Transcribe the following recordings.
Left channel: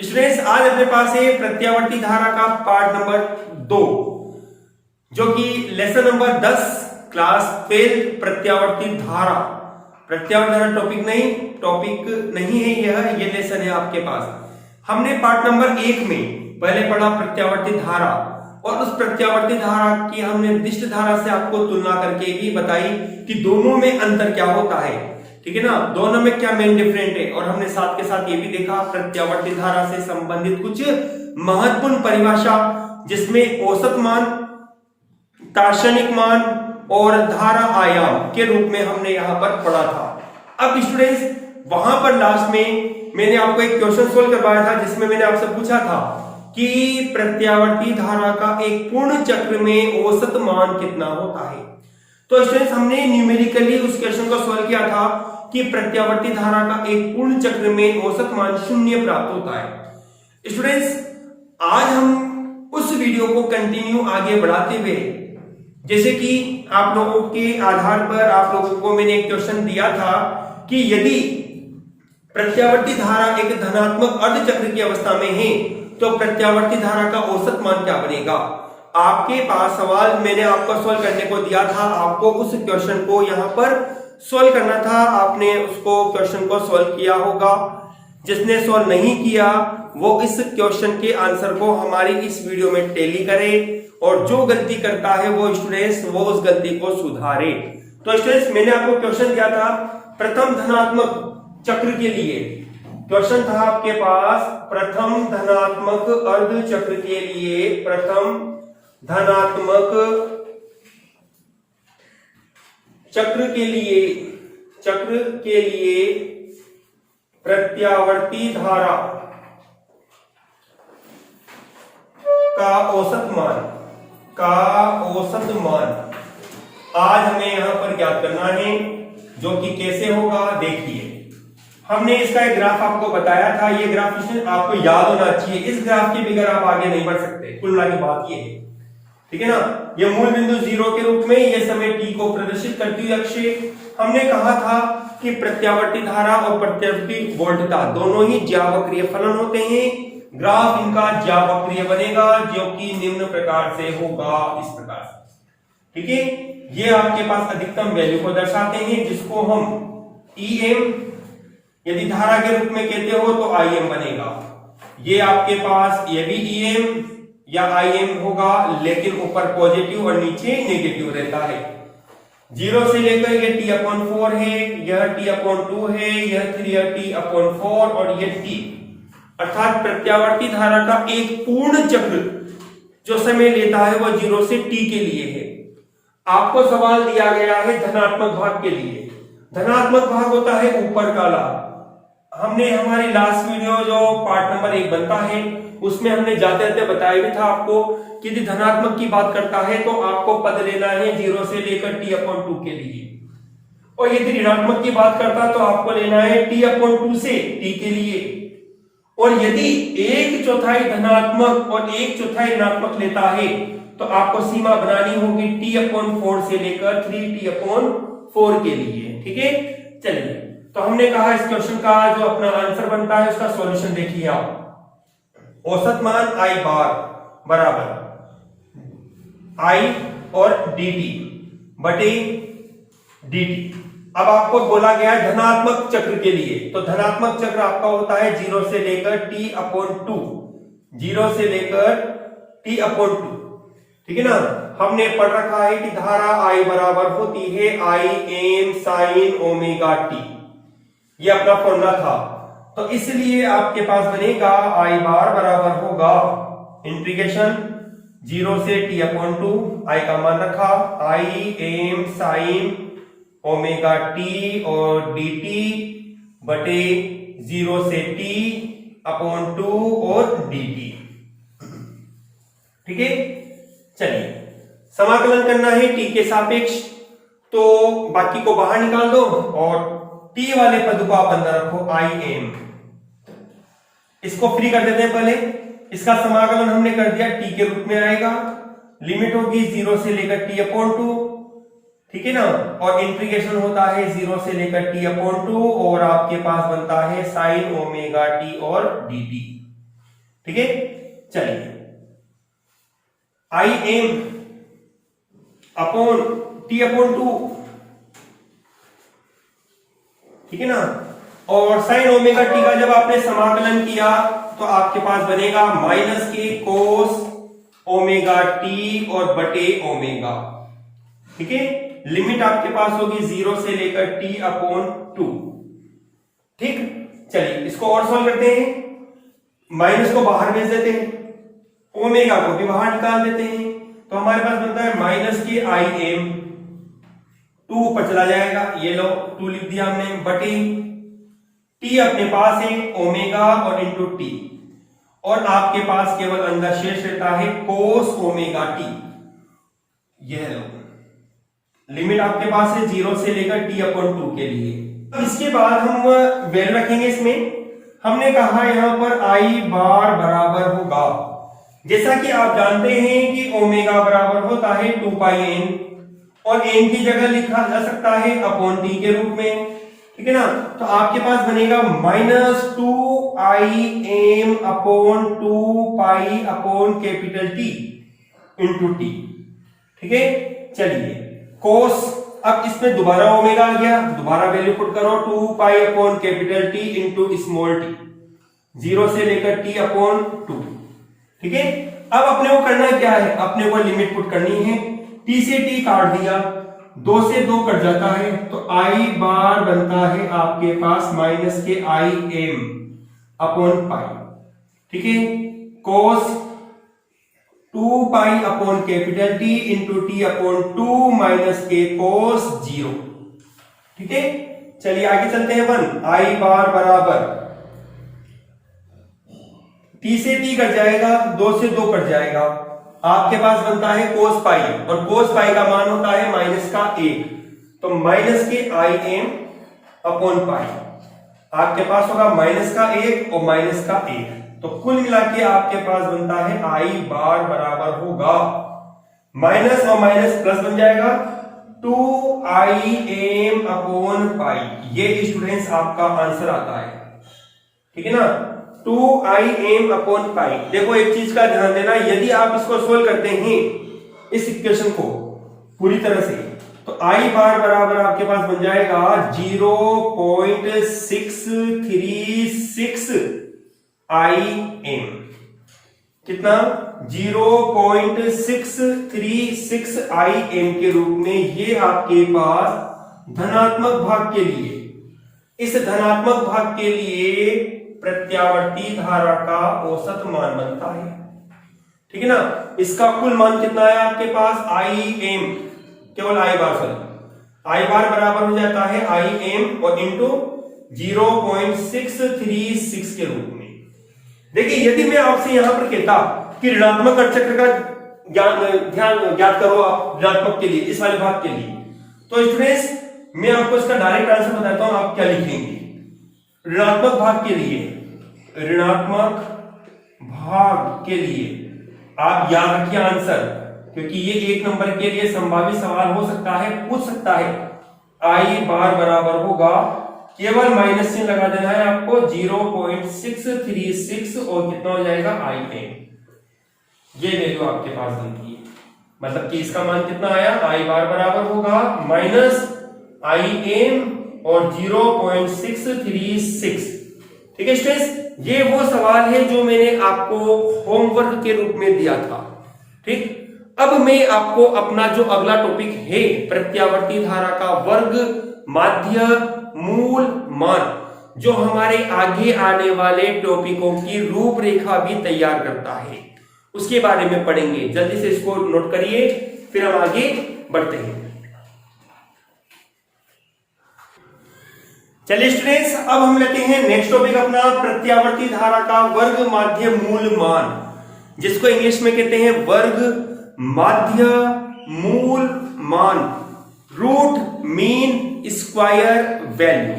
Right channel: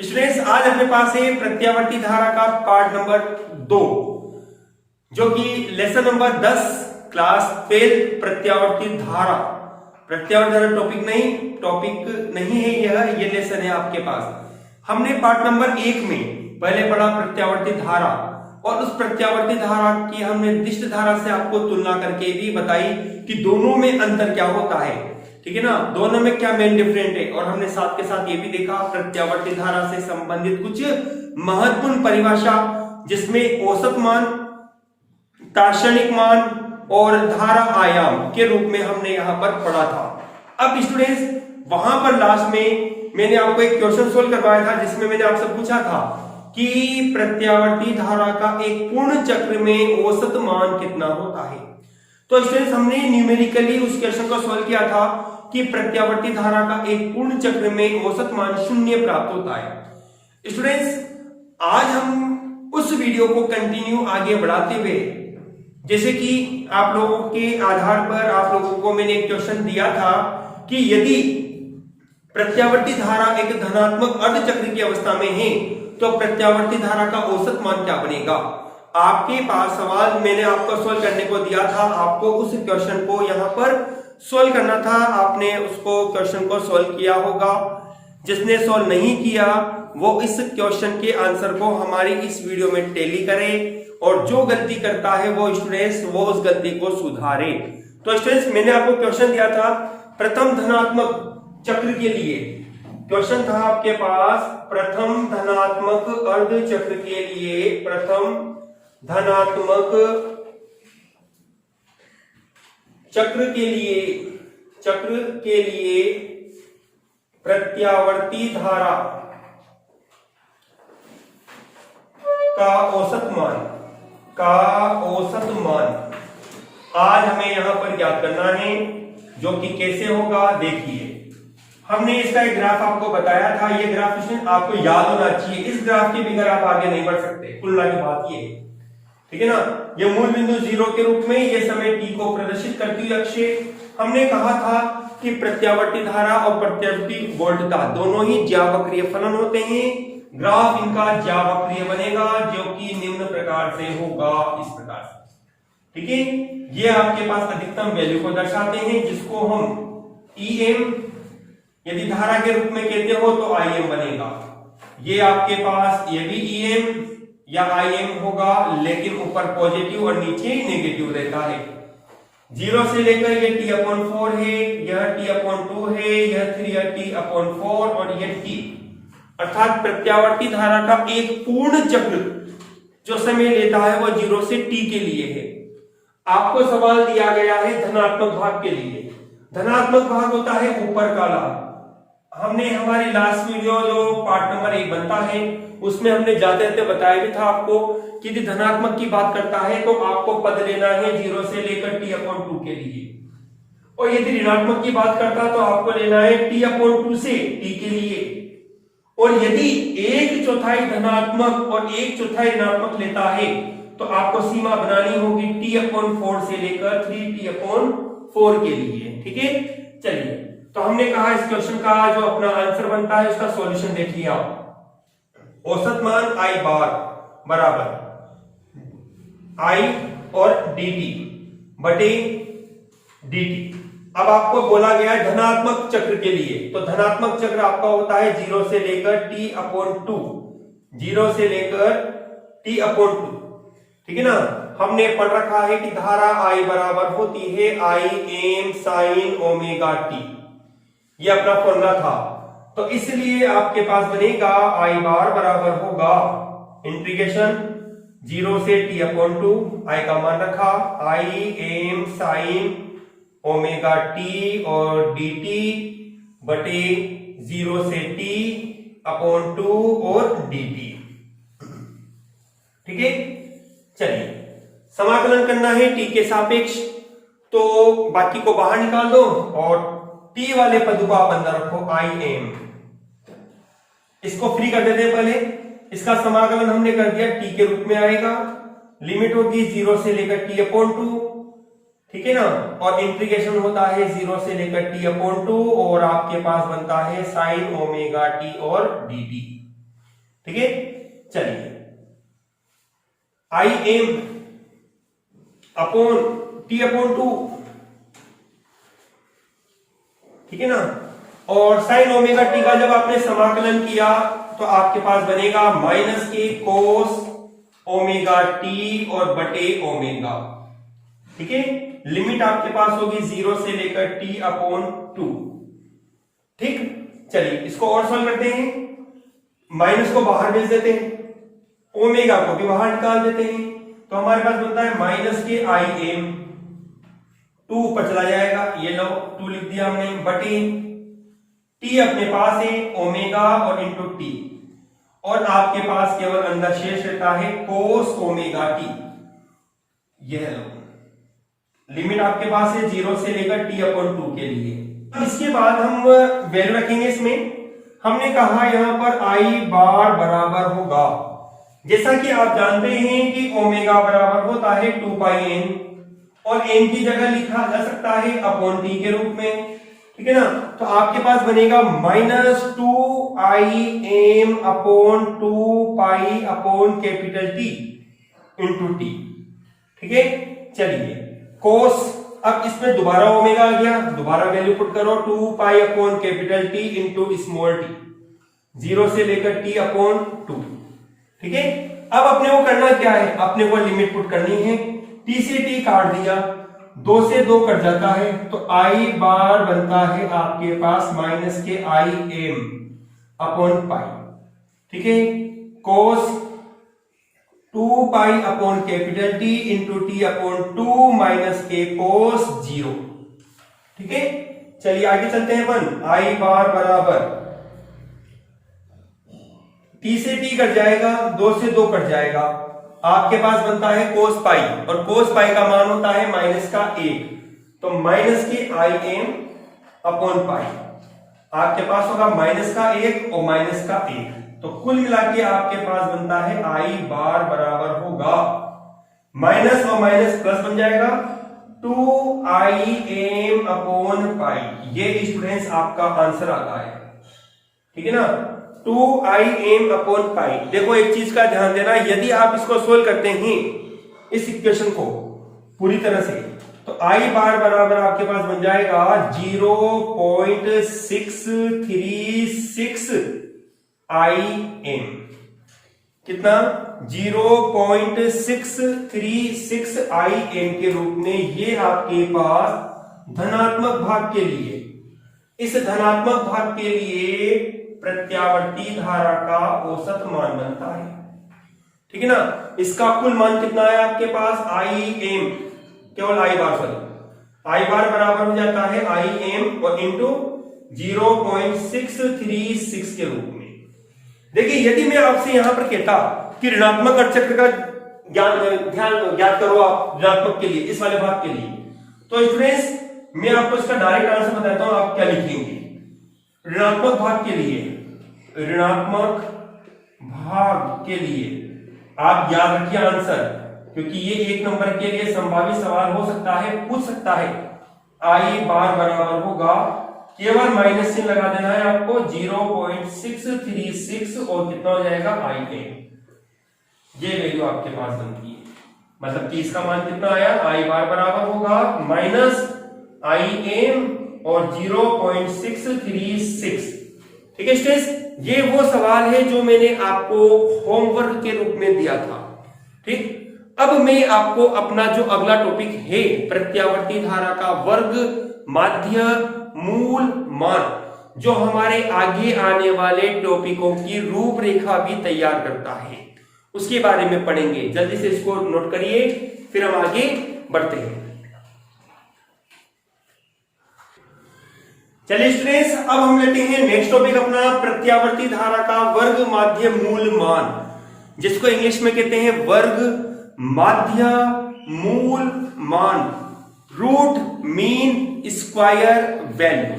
Students, आज अपने पास है प्रत्यावर्ती धारा का पार्ट नंबर 2, जो कि लेसन नंबर 10 क्लास 12 प्रत्यावर्ती धारा। प्रत्यावर्ती धारा टॉपिक नहीं है, ये लेसन है आपके पास। हमने पार्ट नंबर 1 में पहले पढ़ा प्रत्यावर्ती धारा, और उस प्रत्यावर्ती धारा की हमने दिष्ट धारा से आपको तुलना करके भी बताई कि दोनों में अंतर क्या होता है। ठीक है ना, दोनों में क्या मेन डिफरेंट है। और हमने साथ के साथ ये भी देखा प्रत्यावर्ती धारा से संबंधित कुछ महत्वपूर्ण परिभाषा, जिसमें औसत मान, दार्शनिक मान और धारा आयाम के रूप में हमने यहां पर पढ़ा था। अब स्टूडेंट्स, वहां पर लास्ट में मैंने आपको एक क्वेश्चन सोल्व करवाया था, जिसमें मैंने आपसे पूछा था कि प्रत्यावर्ती धारा का एक पूर्ण चक्र में औसत मान कितना होता है। तो स्टूडेंट्स, हमने न्यूमेरिकली उस क्वेश्चन को सॉल्व किया था कि प्रत्यावर्ती धारा का एक पूर्ण चक्र में औसत मान 0 प्राप्त होता है। स्टूडेंट्स, आज हम उस वीडियो को कंटिन्यू आगे बढ़ाते हुए, जैसे कि आप लोगों के आधार पर आप लोगों को मैंने एक क्वेश्चन दिया था कि यदि प्रत्यावर्ती धारा एक धनात्मक अर्धचक्र की अवस्था में है तो प्रत्यावर्ती धारा का औसत मान क्या बनेगा। आपके पास सवाल मैंने आपको सोल्व करने को दिया था, आपको उस क्वेश्चन को यहां पर सोल्व करना था। आपने उसको क्वेश्चन को सोल्व किया होगा। जिसने सोल्व नहीं किया वो इस क्वेश्चन के आंसर को हमारी इस वीडियो में टैली करे, और जो गलती करता है वो स्टूडेंट्स वो उस गलती को सुधारे। तो स्टूडेंट्स, मैंने आपको क्वेश्चन दिया था प्रथम धनात्मक चक्र के लिए। क्वेश्चन था आपके पास प्रथम धनात्मक अर्ध चक्र के लिए, प्रथम धनात्मक चक्र के लिए प्रत्यावर्ती धारा का औसत मान आज हमें यहां पर ज्ञात करना है, जो कि कैसे होगा देखिए। हमने इसका एक ग्राफ आपको बताया था, ये ग्राफ आपको याद होना चाहिए। इस ग्राफ के बगैर आप आगे नहीं बढ़ सकते, कुल की बात ये है। ठीक है ना, ये मूल बिंदु 0 के रूप में ये समय t को प्रदर्शित करती हुई अक्ष। हमने कहा था कि प्रत्यावर्ती धारा और प्रत्यावर्ती वोल्टता दोनों ही ज्यावक्रीय फलन होते हैं। ग्राफ इनका ज्यावक्रीय बनेगा, जो कि निम्न प्रकार से होगा, इस प्रकार से। ठीक है, ये आपके पास अधिकतम वैल्यू को दर्शाते हैं, जिसको हम em यदि धारा के रूप में कहते हो तो im बनेगा। ये आपके पास ये भी em या im होगा, लेकिन ऊपर पॉजिटिव और नीचे नेगेटिव रहता है। 0 से लेकर ये t/4 है, यह t/2 है, यह 3t/4 और ये t, अर्थात प्रत्यावर्ती धारा का एक पूर्ण चक्र जो समय लेता है वो 0 से t के लिए है। आपको सवाल दिया गया है धनात्मक भाग के लिए। धनात्मक भाग होता है ऊपर का लाभ। हमने हमारी लास्ट वीडियो जो पार्ट नंबर 1 बनता है उसमें हमने जाते जाते बताया भी था आपको कि यदि धनात्मक की बात करता है तो आपको पद लेना है 0 से लेकर t/2 के लिए, और यदि ऋणात्मक की बात करता है तो आपको लेना है t/2 से t के लिए। और यदि 1/4 धनात्मक और 1/4 ऋणात्मक लेता है तो आपको सीमा बनानी होगी t/4 से लेकर 3t/4 के लिए। ठीक है, चलिए, तो हमने कहा इस क्वेश्चन का जो अपना आंसर बनता है उसका सॉल्यूशन देखिए आप। औसत मान I बार बराबर I और dt बटे dt। अब आपको बोला गया धनात्मक चक्र के लिए, तो धनात्मक चक्र आपका होता है 0 से लेकर t/2, 0 से लेकर t/2। ठीक है ना, हमने पढ़ रखा है कि धारा I बराबर होती है Im sin ओमेगा t, ये अपना फॉर्मूला था। तो इसलिए आपके पास बनेगा I बार बराबर होगा इंटीग्रेशन 0 से t/2, I का मान रखा Im sin ओमेगा t और dt बटे 0 से t/2 और dt। ठीक है, चलिए समाकलन करना है t के सापेक्ष, तो बाकी को बाहर निकाल दो और t वाले पद को आप अंदर रखो im। इसको फ्री कर देते हैं पहले। इसका समाकलन हमने कर दिया, t के रूप में आएगा, लिमिट होगी 0 से लेकर t/2। ठीक है ना, और इंटीग्रेशन होता है 0 से लेकर t/2, और आपके पास बनता है sin ओमेगा t और dt। ठीक है, चलिए आई एम अपॉन टी अपॉन 2, ठीक है ना। और साइन ओमेगा टी का जब आपने समाकलन किया तो आपके पास बनेगा माइनस के कोस ओमेगा टी और बटे ओमेगा, ठीक है। लिमिट आपके पास होगी 0 से लेकर टी अपॉन 2, ठीक। चलिए इसको और सॉल्व करते हैं, माइनस को बाहर भेज देते हैं, ओमेगा को भी बाहर निकाल देते हैं, तो हमारे पास बनता है माइनस के आई एम, 2 ऊपर चला जाएगा, ये लो 2 लिख दिया हमने, बटे टी अपने पास है ओमेगा और इंटू टी, और आपके पास केवल अंदर शेष रहता है कोस ओमेगा टी, यह लो लिमिट आपके पास है 0 से लेकर टी अपॉन 2 के लिए। इसके बाद हम वैल्यू रखेंगे इसमें, हमने कहा यहां पर आई बार बराबर होगा, जैसा कि आप जानते हैं कि ओमेगा बराबर होता है 2 पाई एन, और एन की जगह लिखा जा सकता है अपॉन टी के रूप में, ठीक है ना। तो आपके पास बनेगा माइनस 2 आई m upon 2 pi upon capital T into T, ठीक है। चलिए कोस, अब इसमें दोबारा ओमेगा आ गया, दोबारा वैल्यू पुट करो, 2 pi upon capital T into small T, 0 से लेकर टी अपॉन 2, ठीक है। अब अपने को करना क्या है, अपने को लिमिट पुट करनी है, टी से टी काट दिया, 2 से 2 कट जाता है, तो आई बार बनता है आपके पास माइनस के आई एम अपॉन पाई, ठीक है। कोस 2 pi upon capital T into T upon 2 minus के कोस 0, ठीक है। चलिए आगे चलते हैं, 1 आई बार बराबर टी से टी कट जाएगा, 2 से 2 कट जाएगा, आपके पास बनता है कोस पाई, और कोस पाई का मान होता है माइनस का 1, तो माइनस के आई एम अपॉन पाई, आपके पास होगा माइनस का 1 और माइनस का 1, तो कुल मिला के आपके पास बनता है आई बार बराबर होगा माइनस और माइनस प्लस बन जाएगा 2 आई एम अपॉन पाई, ये स्टूडेंट्स आपका आंसर आता है, ठीक है ना। 2 आई एम अपॉन पाई। देखो एक चीज का ध्यान देना, यदि आप इसको सोल्व करते हैं इस इक्वेशन को पूरी तरह से, तो आई बार बराबर आपके पास बन जाएगा 0.636 आई एम, कितना 0.636 आई एम के रूप में, ये आपके पास धनात्मक भाग के लिए, इस धनात्मक भाग के लिए प्रत्यावर्ती धारा का औसत मान बनता है, ठीक है ना। इसका कुल मान कितना है आपके पास, आई एम, केवल आई बार, सॉरी आई बार बराबर हो जाता है आई एम और इंटू 0.636 के रूप में। देखिए यदि मैं आपसे यहां पर कहता कि ऋणात्मक अर्धचक्र का ध्यान ज्ञात करो आप ऋणात्मक के लिए, इस वाले भाग के लिए, तो स्टूडेंट्स मैं आपको इसका डायरेक्ट आंसर बताता हूं, आप क्या लिखेंगे। ऋणात्मक भाग के लिए, ऋणात्मक भाग के लिए आप याद रखिए आंसर, क्योंकि ये 1 नंबर के लिए संभावित सवाल हो सकता है, पूछ सकता है। आई बार बराबर होगा, केवल माइनस चिन्ह लगा देना है आपको, 0.636 और कितना हो जाएगा आई एम, ये वैल्यू आपके पास बनती है, मतलब कि इसका मान कितना आया, आई बार बराबर होगा माइनस आई एम और 0.636, ठीक है स्टूडेंट्स। ये वो सवाल है जो मैंने आपको होमवर्क के रूप में दिया था, ठीक। अब मैं आपको अपना जो अगला टॉपिक है प्रत्यावर्ती धारा का वर्ग, माध्य, मूल, मान, जो हमारे आगे आने वाले टॉपिकों की रूपरेखा भी तैयार करता है, उसके बारे में पढ़ेंगे। जल्दी से इसको नोट करिए, फिर हम आगे बढ़ते हैं। चलिए स्टूडेंट्स, अब हम लेते हैं नेक्स्ट टॉपिक अपना, प्रत्यावर्ती धारा का वर्ग, माध्य, मूल, मान, जिसको इंग्लिश में कहते हैं वर्ग, माध्य, मूल, मान, root, mean, square, value.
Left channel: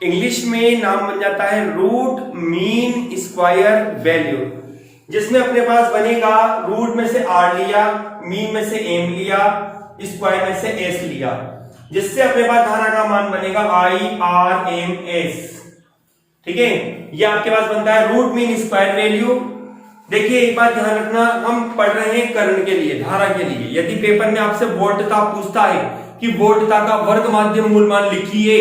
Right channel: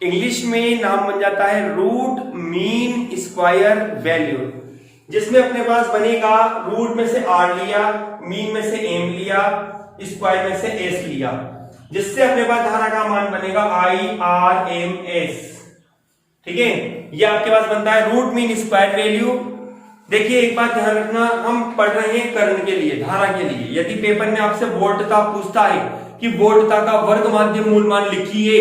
English में नाम बन जाता है रूट, मीन, स्क्वायर, वैल्यू, जिसमें अपने पास बनेगा रूट में से आर लिया, मीन में से एम लिया, स्क्वायर में से एस लिया, जिससे अपने पास धारा का मान बनेगा आई आर एम एस, ठीक है। ये आपके पास बनता है रूट मीन स्क्वायर वैल्यू। देखिए एक बात ध्यान रखना, हम पढ़ रहे हैं करंट के लिए, धारा के लिए। यदि पेपर में आपसे वोल्टता पूछता है कि वोल्टता का वर्ग माध्य मूल मान लिखिए,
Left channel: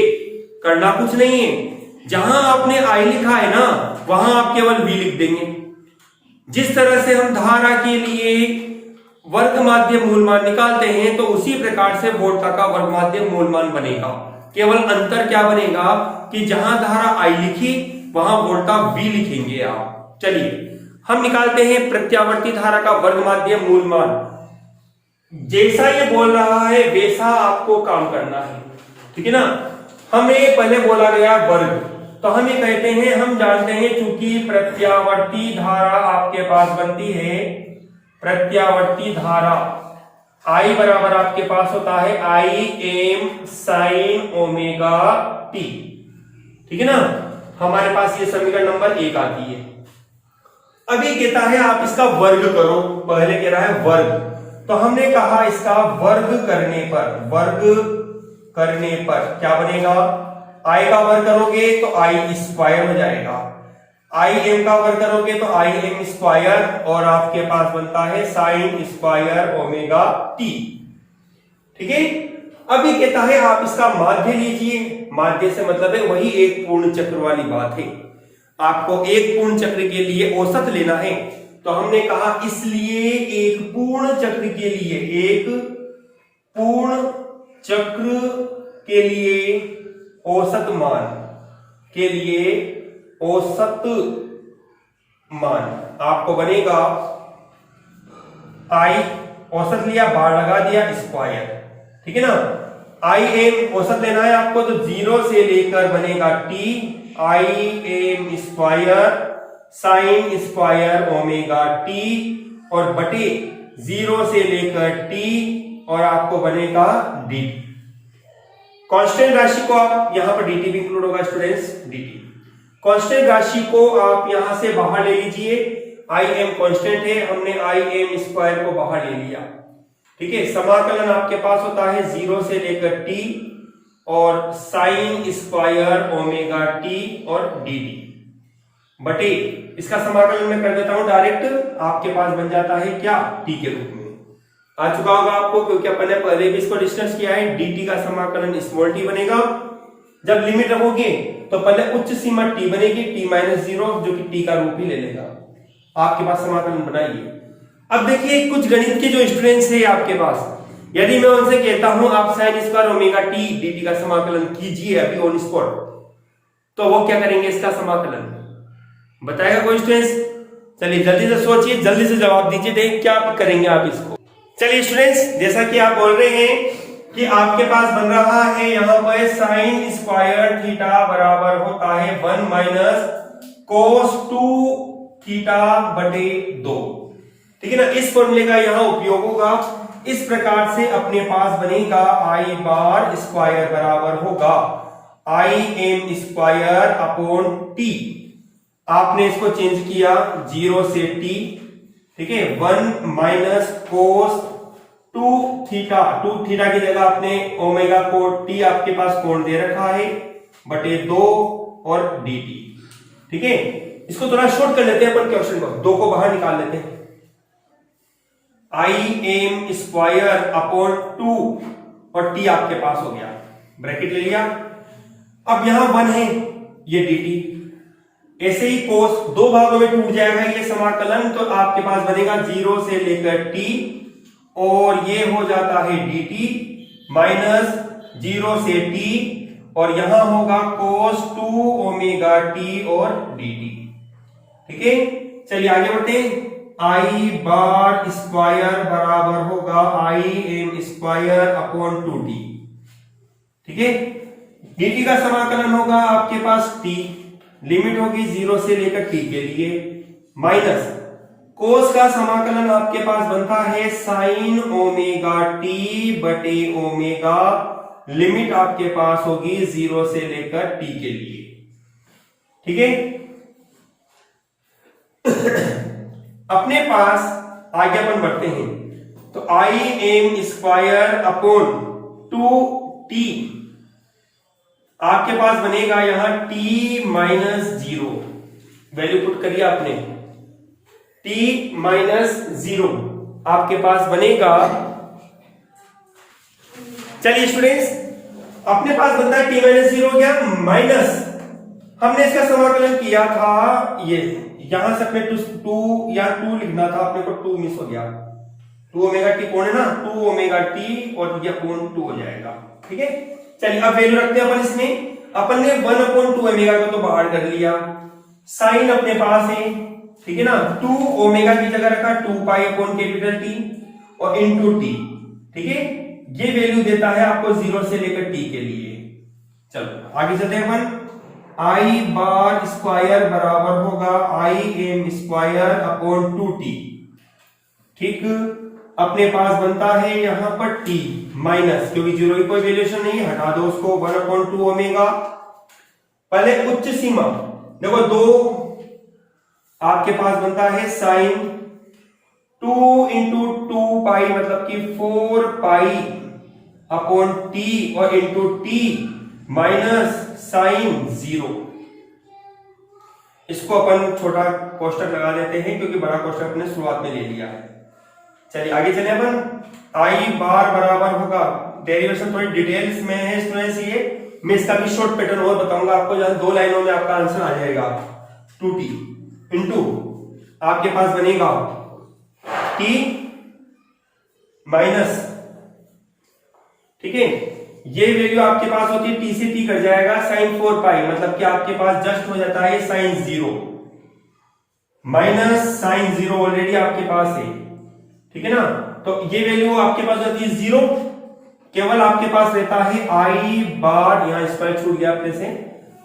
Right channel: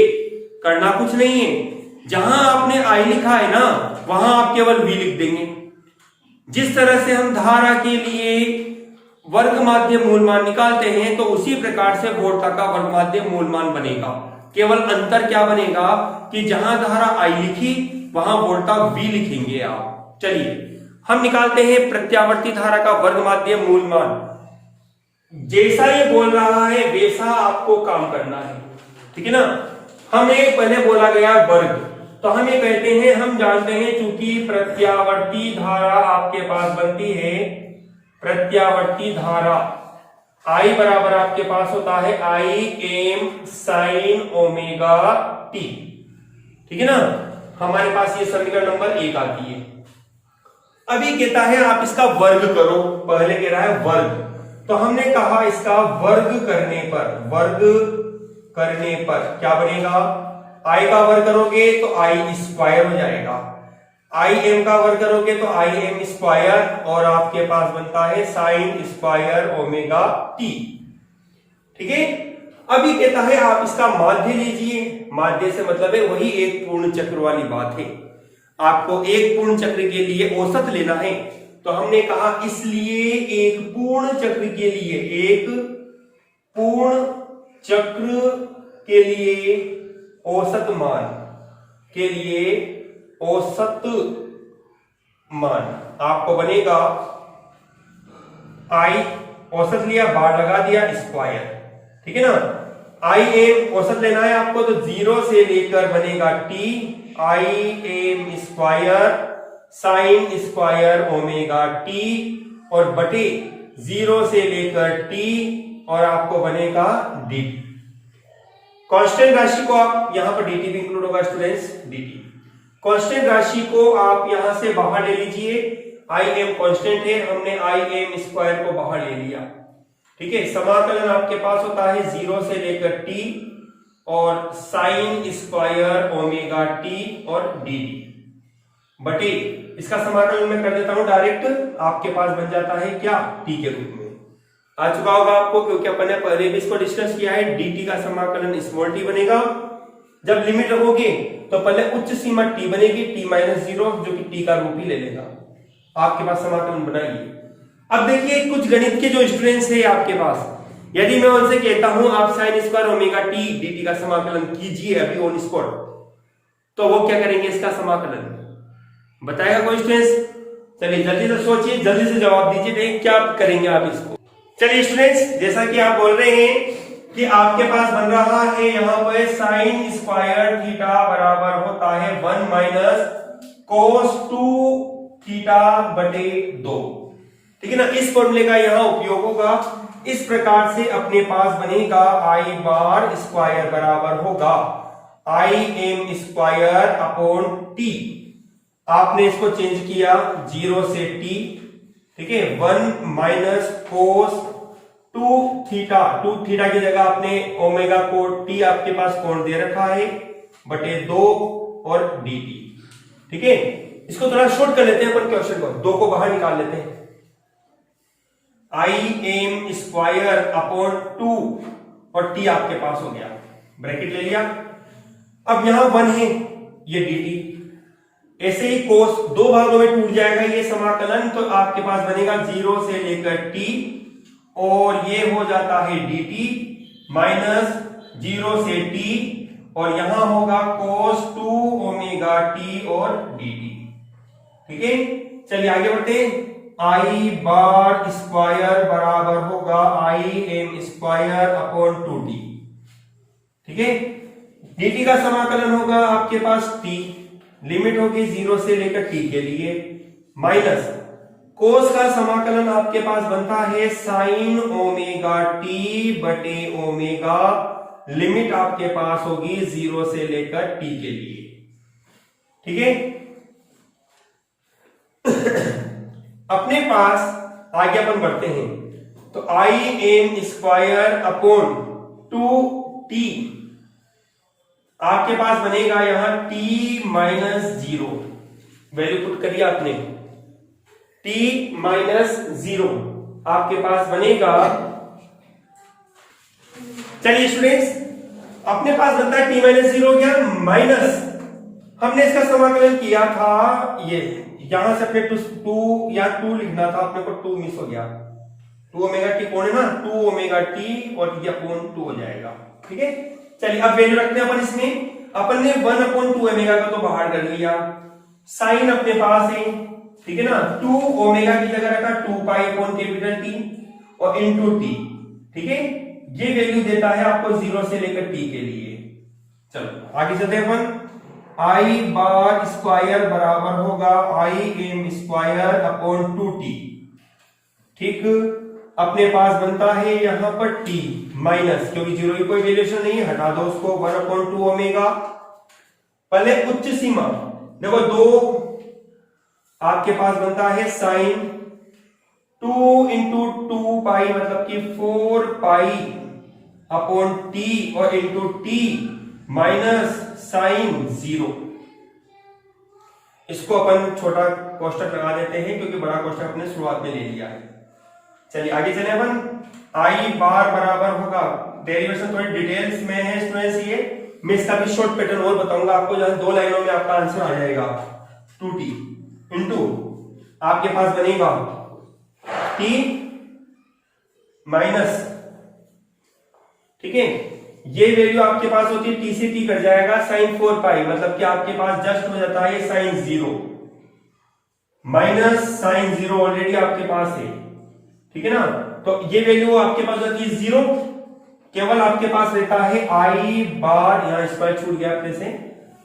करना कुछ नहीं है। जहां आपने आई लिखा है ना, वहां आप केवल वी लिख देंगे। जिस तरह से हम धारा के लिए वर्ग माध्य मूल मान निकालते हैं, तो उसी प्रकार से वोल्टता का वर्ग माध्य मूल मान बनेगा। केवल अंतर क्या बनेगा कि जहां धारा आई लिखी वहां वोल्टता वी लिखेंगे आप। चलिए हम निकालते हैं प्रत्यावर्ती धारा का वर्ग माध्य मूल मान। जैसा ये बोल रहा है वैसा आपको काम करना है, ठीक है ना। हमें पहले बोला गया वर्ग, तो हम ये कहते हैं, हम जानते हैं चूंकि प्रत्यावर्ती धारा आपके पास बनती है, प्रत्यावर्ती धारा I बराबर आपके पास होता है I M sine omega T, ठीक है ना। हमारे पास ये समीकरण नंबर 1 आती है। अभी कहता है आप इसका वर्ग करो, पहले कह रहा है वर्ग, तो हमने कहा इसका वर्ग करने पर क्या बनेगा, आई का वर्ग करोगे तो आई स्क्वायर हो जाएगा, आई एम का वर्ग करोगे तो आई एम स्क्वायर, और आपके पास बनता है साइन स्क्वायर ओमेगा टी, ठीक है। अभी कहता है आप इसका माध्य लीजिए। माध्य से मतलब है वही एक पूर्ण चक्र वाली बात है, आपको एक पूर्ण चक्र के लिए औसत लेना है। तो हमने कहा इसलिए एक पूर्ण चक्र के लिए, एक पूर्ण चक्र के लिए औसत मान के लिए औसत मान आपको बनेगा आई, औसत लिया बार लगा दिया स्क्वायर, ठीक है ना। आई एम औसत लेना है आपको, तो 0 से लेकर बनेगा T I am square sine square omega T, और बटे 0 से लेकर टी, और आपको बनेगा डी। कांस्टेंट राशि को आप यहां पर dt भी इंक्लूड होगा स्टूडेंट्स, dt। कांस्टेंट राशि को आप यहां से बाहर ले लीजिए, आई एम कांस्टेंट है, हमने आई एम स्क्वायर को बाहर ले लिया, ठीक है। समाकलन आपके पास होता है 0 से लेकर टी और साइन स्क्वायर ओमेगा टी और डी डी बटे, इसका समाकलन मैं कर देता हूं डायरेक्ट, आपके पास बन जाता है क्या, टी के रूप में आ चुका होगा आपको, क्योंकि अपन ने पहले भी इसको डिस्कस किया है। dt का समाकलन स्मॉल टी बनेगा। जब लिमिट रखोगे तो पहले उच्च सीमा t बनेगी, t माइनस 0, जो कि t का रूप ही ले लेगा। आपके पास समाकलन बनाइए। अब देखिए कुछ गणित के जो स्टूडेंट्स है आपके पास, यदि मैं उनसे कहता हूं आप sine square omega T dt का समाकलन कीजिए अभी ऑन स्पॉट, तो वो क्या करेंगे, इसका समाकलन बताएगा कोई स्टूडेंट्स? चलिए जल्दी से सोचिए, जल्दी से जवाब दीजिए, देखिए क्या करेंगे आप इसको। चलिए स्टूडेंट्स, जैसा कि आप बोल रहे हैं कि आपके पास बन रहा है यहां पर साइन स्क्वायर थीटा बराबर होता है 1 माइनस कोस 2 थीटा बटे 2, ठीक है ना। इस फॉर्मूले का यहां उपयोग होगा। इस प्रकार से अपने पास बनेगा आई बार स्क्वायर बराबर होगा I am square upon T. आपने इसको चेंज किया 0 से टी, ठीक है। 1 माइनस कोस 2 थीटा, 2 थीटा की जगह आपने ओमेगा को टी आपके पास कोण दे रखा है बटे 2 और डी टी, ठीक है। इसको थोड़ा शॉर्ट कर लेते हैं अपन क्वेश्चन को, 2 को बाहर निकाल लेते हैं। आई एम स्क्वायर अपॉन 2 और टी आपके पास हो गया, ब्रैकेट ले लिया। अब यहां 1 है, ये डी टी, ऐसे ही कोस 2 भागों में टूट जाएगा ये समाकलन, तो आपके पास बनेगा 0 से लेकर t, और ये हो जाता है dt माइनस 0 से t, और यहां होगा कोस 2 ओमेगा t और dt, ठीक है। चलिए आगे बढ़ते हैं। आई बार स्क्वायर बराबर होगा I am square upon 2t, ठीक है। dt का समाकलन होगा आपके पास t, लिमिट होगी 0 से लेकर t के लिए, माइनस कोस का समाकलन आपके पास बनता है साइन ओमेगा t बटे ओमेगा, लिमिट आपके पास होगी 0 से लेकर t के लिए, ठीक है। अपने पास आगे अपन बढ़ते हैं, तो I am square upon 2t आपके पास बनेगा यहां t माइनस 0, वैल्यू पुट करिए आपने, t माइनस 0 आपके पास बनेगा। चलिए स्टूडेंट्स, अपने पास बनता है t माइनस 0 हो गया, माइनस हमने इसका समाकलन किया था, ये यहां से अपने टू या 2 लिखना था, अपने को 2 मिस हो गया, 2 ओमेगा टी कौन है ना, 2 ओमेगा टी और ये अपॉन 2 हो जाएगा। ठीक है, चलिए अब वैल्यू रखते हैं अपन इसमें। अपन ने 1/2 ओमेगा का तो बाहर कर लिया, साइन अपने पास है, ठीक है ना, 2 ओमेगा की जगह रखा 2 पाई अपॉन कैपिटल टी और इनटू टी। ठीक है, ये वैल्यू देता है आपको 0 से लेकर टी के लिए। चलो आगे चलते हैं अपन। आई बार स्क्वायर बराबर होगा I am square upon 2t। ठीक, अपने पास बनता है यहां पर t माइनस, क्योंकि 0 की कोई वैल्यूएशन नहीं है, हटा दो उसको, 1/2 ओमेगा। पहले उच्च सीमा देखो 2, आपके पास बनता है साइन 2 इंटू 2 पाई मतलब कि 4 पाई अपॉन t और इंटू t माइनस साइन 0। इसको अपन छोटा कोष्टक लगा लेते हैं क्योंकि बड़ा कोष्टक अपने शुरुआत में ले लिया है। चलिए आगे चले अपन। आई बार बराबर होगा, डेरिवेशन थोड़ी डिटेल्स में है स्टूडेंट्स, ये मैं इसका भी शॉर्ट पैटर्न और बताऊंगा आपको, जहां 2 लाइनों में आपका आंसर आ जाएगा। 2t इंटू आपके पास बनेगा t माइनस, ठीक है, ये वैल्यू आपके पास होती है t से t कट जाएगा साइन 4 पाई, मतलब कि आपके पास जस्ट हो जाता है साइन 0 माइनस साइन 0 ऑलरेडी आपके पास है। ठीक है ना, तो ये वैल्यू आपके पास होती है 0, केवल आपके पास रहता है आई बार, यहां स्क्वायर छूट गया अपने से,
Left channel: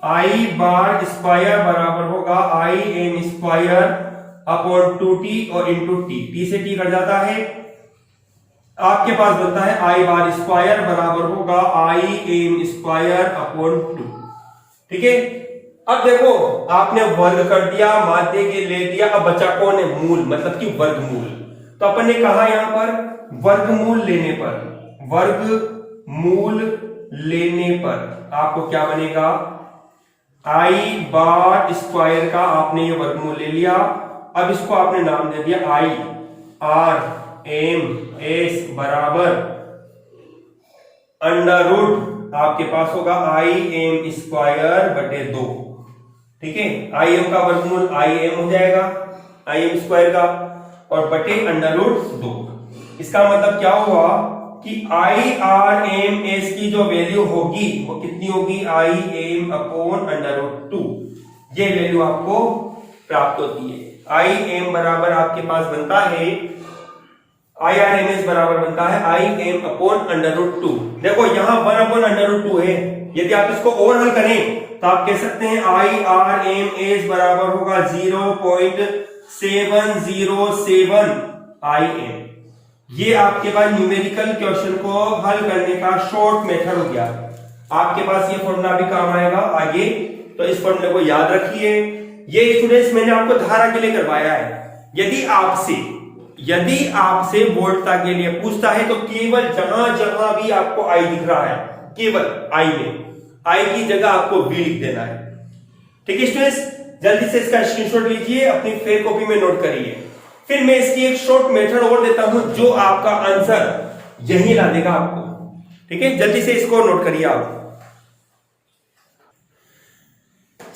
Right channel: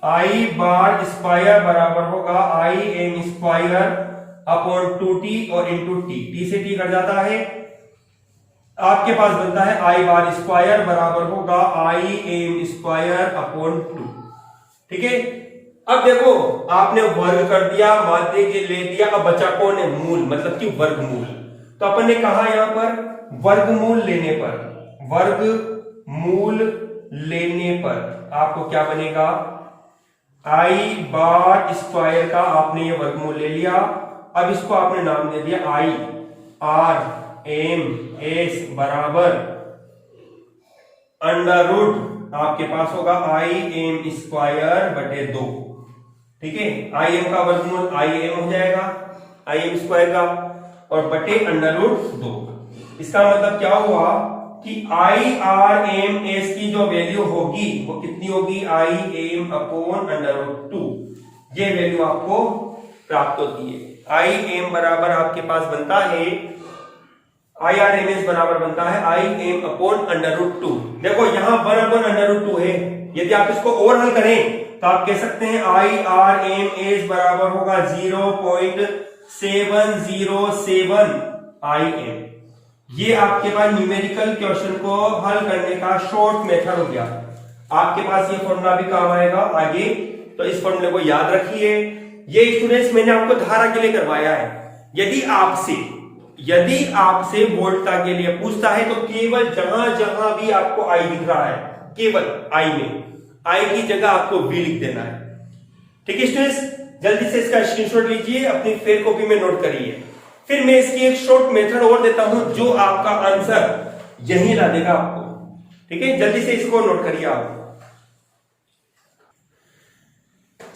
आई बार स्क्वायर बराबर होगा I am square upon 2t और इंटू t से t कट जाता है, आपके पास बनता है आई बार स्क्वायर बराबर होगा आई एम स्क्वायर अपॉन 2। ठीक है, अब देखो आपने वर्ग कर दिया, माध्य के ले दिया, अब बचा कौन है, मूल, मतलब कि वर्गमूल। तो अपन ने कहा यहां पर वर्गमूल लेने पर, वर्गमूल लेने पर आपको क्या बनेगा, आई बार स्क्वायर का आपने ये वर्गमूल ले लिया, अब इसको आपने नाम दे दिया आई आर एम एस बराबर अंडर रूट, आपके पास होगा आई एम स्क्वायर बटे 2। ठीक है, आई एम का वर्गमूल आई एम हो जाएगा, आई एम स्क्वायर का, और बटे अंडर रूट 2। इसका मतलब क्या हुआ कि आई आर एम एस की जो वैल्यू होगी वो कितनी होगी, I m upon under root 2, ये वैल्यू आपको प्राप्त होती है। आई एम बराबर आपके पास बनता है, आई आर एम एस बराबर बनता है I m upon under root 2। देखो यहां 1 अपॉन अंडर रूट 2 है, यदि आप इसको और हल करें तो आप कह सकते हैं आई आर एम एस बराबर होगा 0.707 आई एम। ये आपके पास न्यूमेरिकल क्वेश्चन को हल करने का शॉर्ट मेथड हो गया। आपके पास ये फॉर्मूला भी काम आएगा आगे, तो इस फॉर्मूले को याद रखिए। ये स्टूडेंट्स मैंने आपको धारा के लिए करवाया है। यदि आपसे वोल्टता के लिए पूछता है तो केवल जहां जहां भी आपको आई दिख रहा है, केवल आई में, आई की जगह आपको वी लिख देना है। ठीक है स्टूडेंट्स, जल्दी से इसका स्क्रीनशॉट लीजिए, अपनी फेयर कॉपी में नोट करिए। फिर मैं इसकी एक शॉर्ट मेथड और देता हूं जो आपका आंसर यही ला देगा आपको। ठीक है, जल्दी से इसको नोट करिए आप।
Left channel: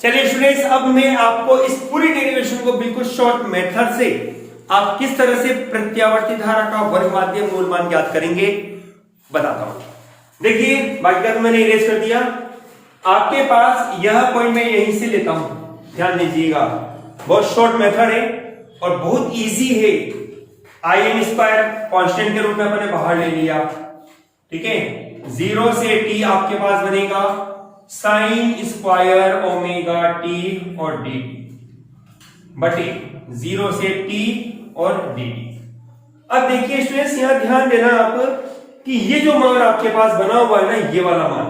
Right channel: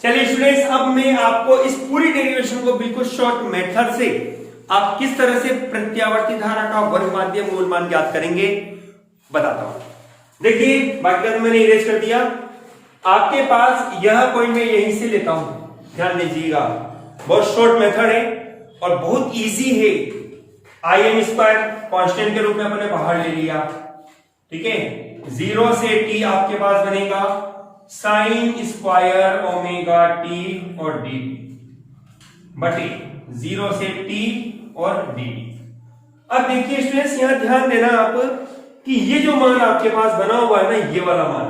चलिए स्टूडेंट्स, अब मैं आपको इस पूरी डेरिवेशन को बिल्कुल शॉर्ट मेथड से आप किस तरह से प्रत्यावर्ती धारा का वर्ग माध्य मूल मान ज्ञात करेंगे बताता हूं। देखिए बाकी का तो मैंने इरेज कर दिया। आपके पास यह पॉइंट मैं यहीं से लेता हूं, ध्यान दीजिएगा, बहुत शॉर्ट मेथड है और बहुत इजी है। आई एम स्क्वायर कांस्टेंट के रूप में अपने बाहर ले लिया। ठीक है, 0 से t आपके पास बनेगा साइन स्क्वायर ओमेगा टी और डी बटे 0 से t और डी। अब देखिए स्टूडेंट्स, यहां ध्यान देना आप कि ये जो मान आपके पास बना हुआ है ना, ये वाला मान,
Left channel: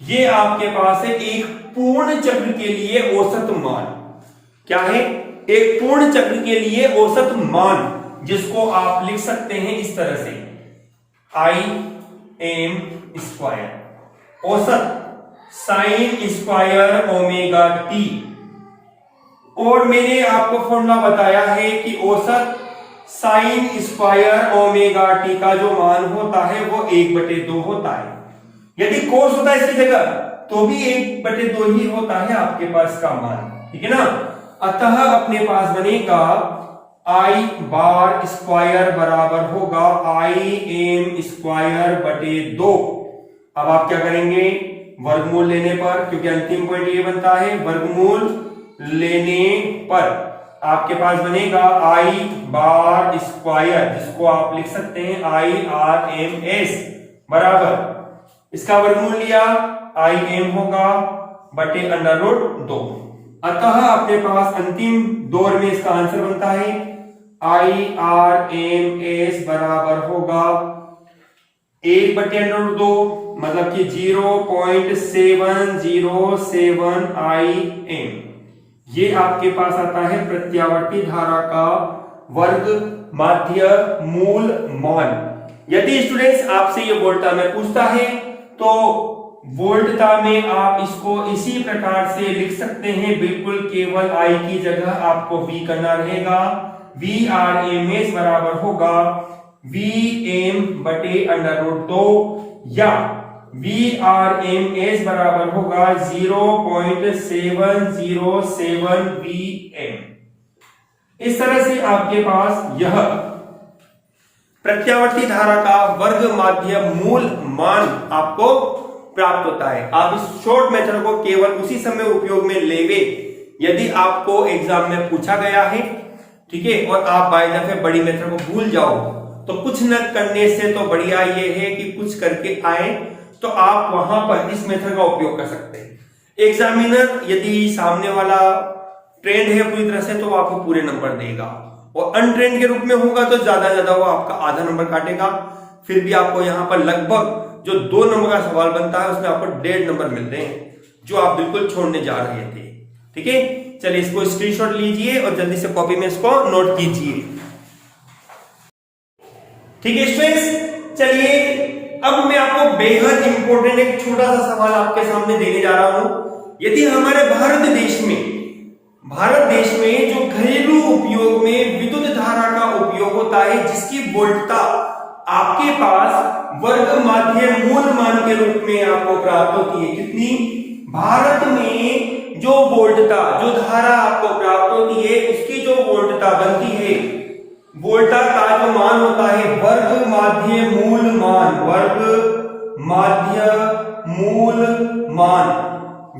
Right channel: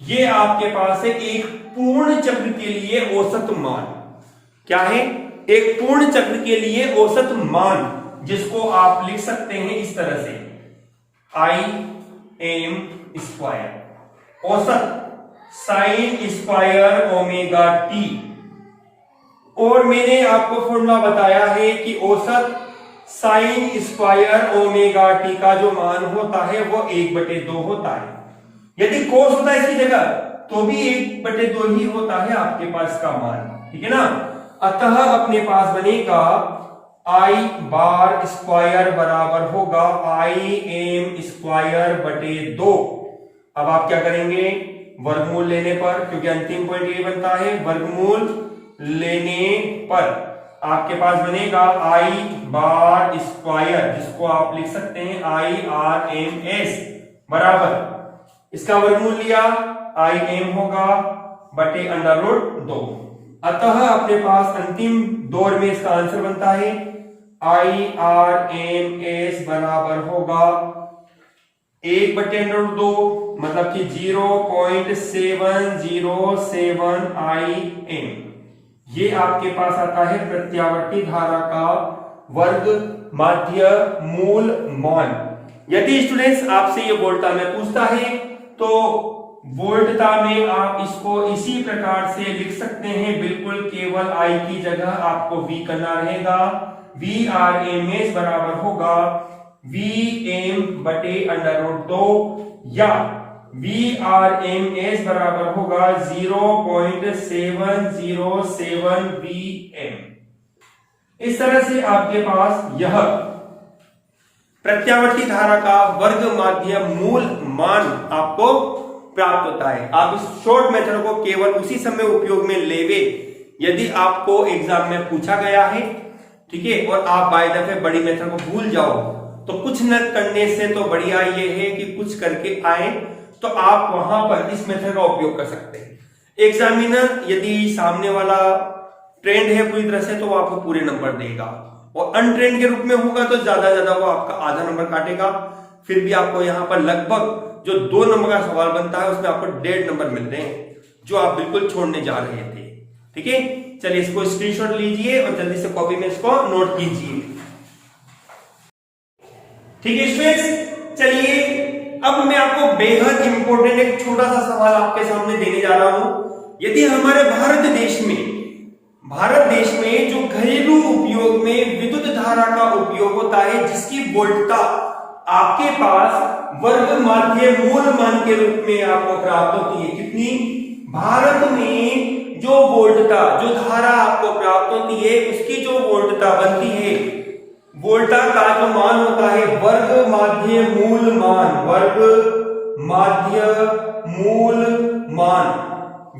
ये आपके पास है एक पूर्ण चक्र के लिए औसत मान। क्या है? एक पूर्ण चक्र के लिए औसत मान, जिसको आप लिख सकते हैं इस तरह से, आई एम स्क्वायर। औसत साइन स्क्वायर ओमेगा टी, और मैंने आपको फॉर्मूला बताया है कि औसत साइन स्क्वायर ओमेगा टी का जो मान होता है वो 1/2 होता है। यदि कोस होता है इसकी जगह तो भी 1/2 ही होता है आपके पास का मान, ठीक है ना। अतः अपने पास बनेगा आई बार स्क्वायर बराबर होगा आई एम स्क्वायर बटे 2। अब आप क्या करेंगे, वर्गमूल लेने पर, क्योंकि अंतिम पॉइंट ये बनता है, वर्गमूल लेने पर आपके पास बनेगा आई बार स्क्वायर, जिसको आप लिख सकते हैं आई आर एम एस, बराबर इसका वर्गमूल लिया आई एम होगा बटे √2। अतः अपने पास अंतिम दौर में इसका आंसर बनता है आई आर एम एस बराबर होगा 1/√2, मतलब कि 0.707 आई एम। ये आपके पास आता है प्रत्यावर्ती धारा का वर्ग माध्य मूल मान। यदि स्टूडेंट्स आपसे ये वोल्टा में पूछता है तो वोल्टता में आप इसको इसी प्रकार से लिख सकते हैं, बिल्कुल केवल आई की जगह आपको वी करना रहेगा। वी आर एम एस बराबर होगा वी एम बटे √2 या वी आर एम एस बराबर होगा 0.707 वी एम। इस तरह से आपके पास यह प्रत्यावर्ती धारा का वर्ग माध्य मूल मान आपको प्राप्त होता है। आप इस शॉर्ट मेथड को केवल उसी समय उपयोग में लेंगे यदि आपको एग्जाम में पूछा गया है, ठीक है, और आप बाय दफे बड़ी मेथड को भूल जाओ तो कुछ न करने से तो बढ़िया ये है कि कुछ करके आए, तो आप वहां पर इस मेथड का उपयोग कर सकते हैं। एग्जामिनर यदि सामने वाला ट्रेंड है पूरी तरह से तो वो आपको पूरे नंबर देगा, और अनट्रेंड के रूप में होगा तो ज्यादा वो आपका आधा नंबर काटेगा। फिर भी आपको यहाँ पर लगभग जो 2 नंबर का सवाल बनता है उसमें आपको 1.5 नंबर मिल रहे हैं, जो आप बिल्कुल छोड़ने जा रहे थे। ठीक है, चलिए इसको स्क्रीनशॉट लीजिए और जल्दी से कॉपी में इसको नोट कीजिए। ठीक है स्टूडेंट्स, चलिए अब मैं आपको बेहद इंपॉर्टेंट एक छोटा सा सवाल आपके सामने देने जा रहा हूं। यदि हमारे भारत देश में जो घरेलू उपयोग में विद्युत धारा का उपयोग होता है जिसकी वोल्टता आपके पास वर्ग माध्य मूल मान के रूप में आपको प्राप्त होती है, कितनी? भारत में जो वोल्टता, जो धारा आपको प्राप्त होती है उसकी जो वोल्टता बनती है, वोल्टा का जो मान होता है वर्ग माध्य मूल मान, वर्ग माध्य मूल मान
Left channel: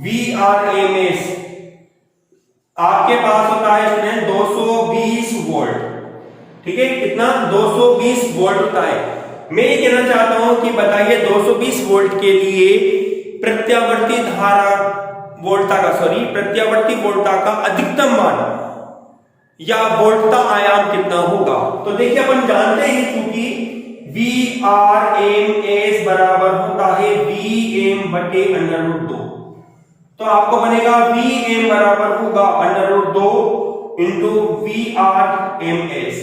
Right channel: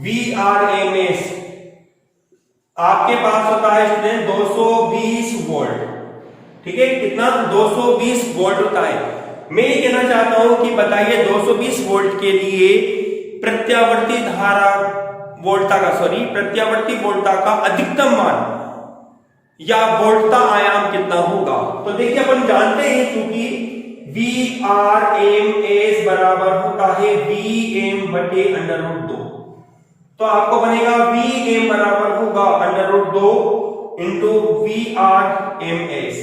VRMS आपके पास होता है इसमें 220 वोल्ट। ठीक है, कितना? 220 वोल्ट होता है। मैं ये कहना चाहता हूं कि बताइए 220 वोल्ट के लिए प्रत्यावर्ती वोल्टता का अधिकतम मान या वोल्टता आयाम कितना होगा? तो देखिए अपन जानते हैं क्योंकि VRMS बराबर होता है VM बटे √2, तो आपको बनेगा VM बराबर होगा √2 इंटू VRMS,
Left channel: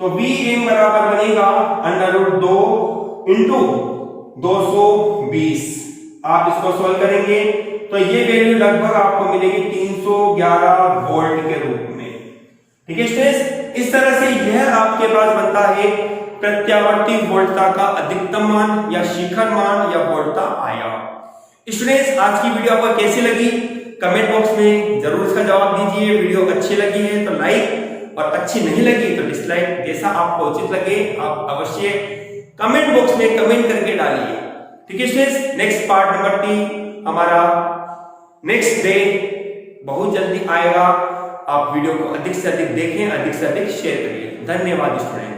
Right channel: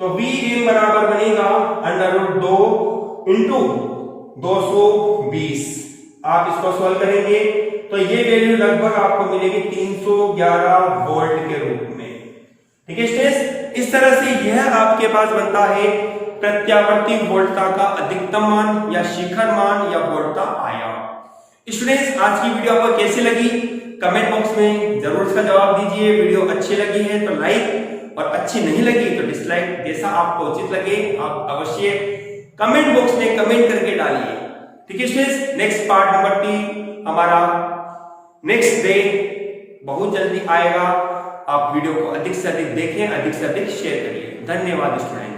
तो VM बराबर बनेगा √2 इंटू 220। आप इसको सॉल्व करेंगे तो ये वैल्यू लगभग आपको मिलेगी 311 वोल्ट के रूप में। ठीक है स्टूडेंट्स, इस तरह से यह आपके पास बनता है प्रत्यावर्ती वोल्टता का अधिकतम मान या शिखर मान या वोल्टता आयाम। स्टूडेंट्स, आज की वीडियो आपको कैसी लगी कमेंट बॉक्स में जरूर इसका जवाब दीजिए। वीडियो अच्छी लगी है तो लाइक और अच्छी नहीं लगी तो डिसलाइक, जैसा आपको उचित लगे आप अवश्य कमेंट बॉक्स में कमेंट करके डालिए। ठीक है स्टूडेंट्स, नेक्स्ट पार्ट नंबर 3 हमारा नेक्स्ट डे बहुत जल्दी आएगा। आप वीडियो को अधिक से अधिक देखें, अधिक से अधिक शेयर करिए। धन्यवाद स्टूडेंट।